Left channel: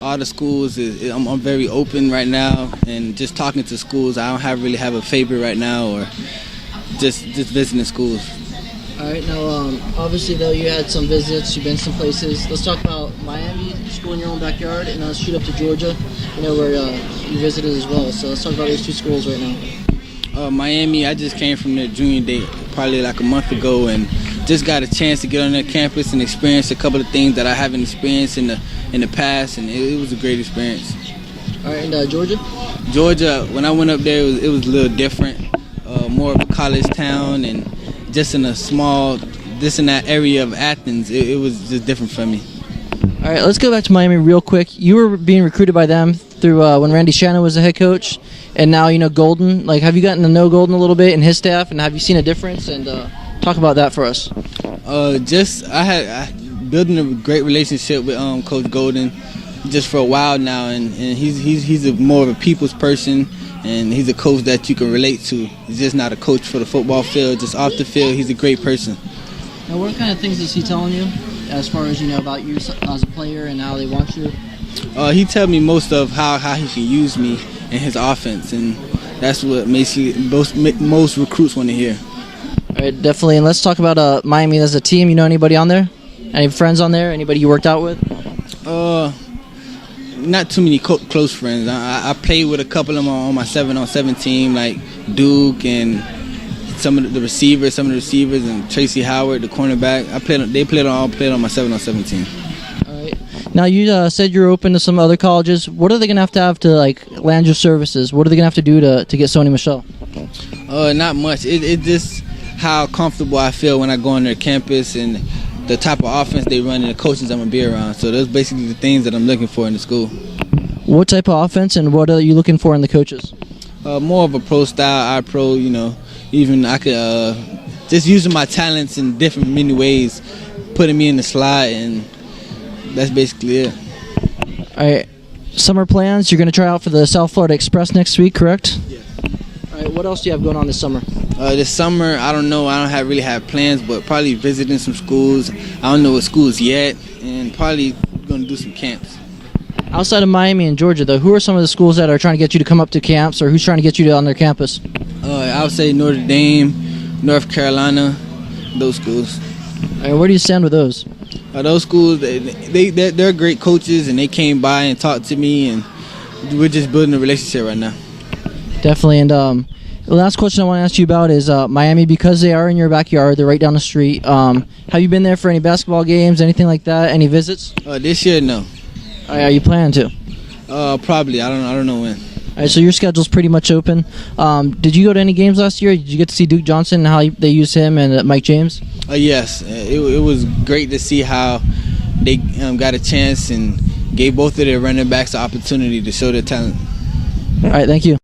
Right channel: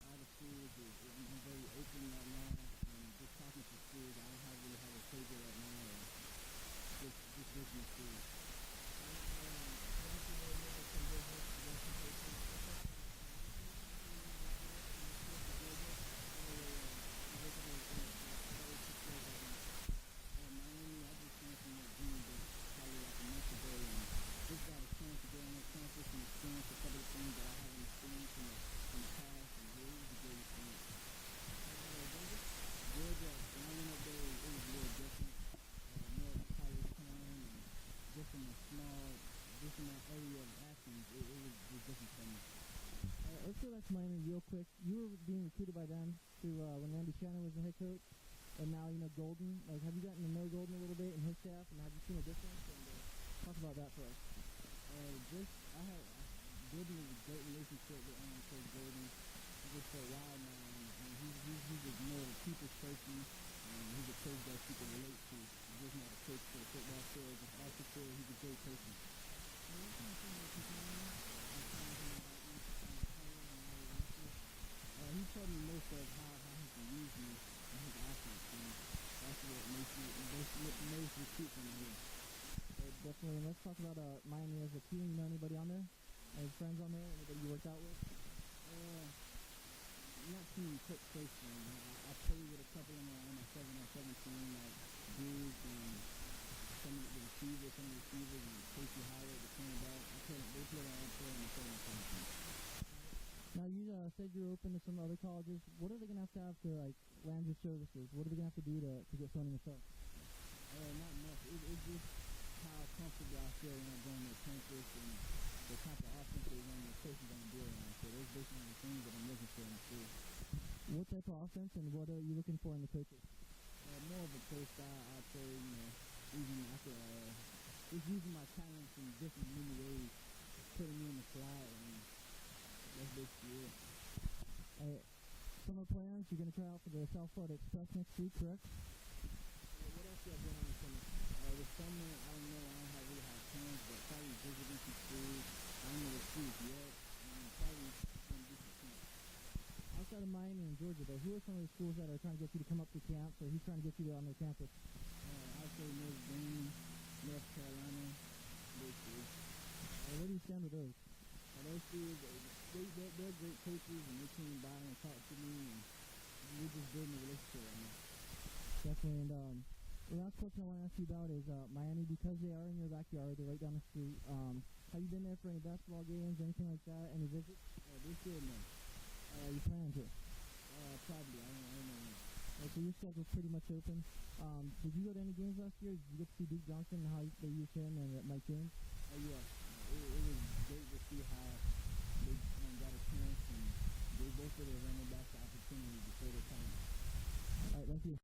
All the schools, I'm very open right now, and just talking to schools, I don't really have a favorite right now, or just visiting schools. All right, now obviously though you had some visits, you've been some places. Let's talk about Miami, school in your own backyard, and let's shoot up to Georgia, where you visited as well. So let's talk about these two schools right now. Miami, I just came from their junior day probably like a month ago, and just got a chance to get on their campus and experience a couple of things that I haven't experienced in the past, and it was a great experience. All right, and Georgia? Georgia, when I went up there, it was a little different, more of a college town, and just in a small, in that area of Athens, it was just different for me. All right, let's go back to Miami real quick. You were being recruited by them through when Randy Shannon was the head coach, and now Golden. Like, have you gotten to know Golden a little bit and his staff, and have you seen a difference? And talk about that for us. I building a great relationship with Coach Golden just for a while now, and he's more of a people's person, and he's a coach that you can relate to. He's just not a coach for the football field, just off the field. He's a great person. Now, what kind of things is he telling you as far as about you as a player and how they want you? He tells me most of how he can use me in his offense, and that's what most recruits want to hear. All right, definitely. And let's talk about Miami as a team. You know anybody on there? Any friends on there? Anybody you worked out with? Not too many close friends. I played with a couple of them on my 7-on-7 team, like Duke and some of the receivers, and Tracy Howard, the cornerback. They played on my 7-on-7 team. All right. Now you said you're open to some other colleges. What are they gonna have to land your services? What are they gonna have to do to get Sony Michel? Not much. It just how comfortable I feel when I go on their campus and the type of offense they run and the coaches I'm going to be around. So those basically the things that I'm looking for in the school. What type of offense and what are you looking for in the coaches? More of a pro style, pro, even I could just using my talents in different many ways, putting me in the slot, and that's basically it. All right. Summer plans, you're going to try out for the South Florida Express next week, correct? Yes. All right, what else do you have going on this summer? This summer, I don't know. I don't really have plans, but probably visiting some schools. I don't know what schools yet, and probably going to do some camps. Outside of Miami and Georgia, though, who are some of the schools that are trying to get you to come up to camps, or who's trying to get you on their campus? I would say Notre Dame, North Carolina, those schools. All right, where do you stand with those? Those schools, they're great coaches, and they came by and talked to me, and we're just building a relationship right now. Definitely, and the last question I want to ask you about is Miami, because they are in your backyard, they're right down the street. Have you been there for any basketball games, anything like that, any visits? This year, no. Are you planning to? Probably. I don't know when. All right, so your schedule's pretty much open. Did you go to any games last year? Did you get to see Duke Johnson and how they used him and Mike James? Yes. It was great to see how they got a chance and gave both of their running backs the opportunity to show their talent. All right, thank you.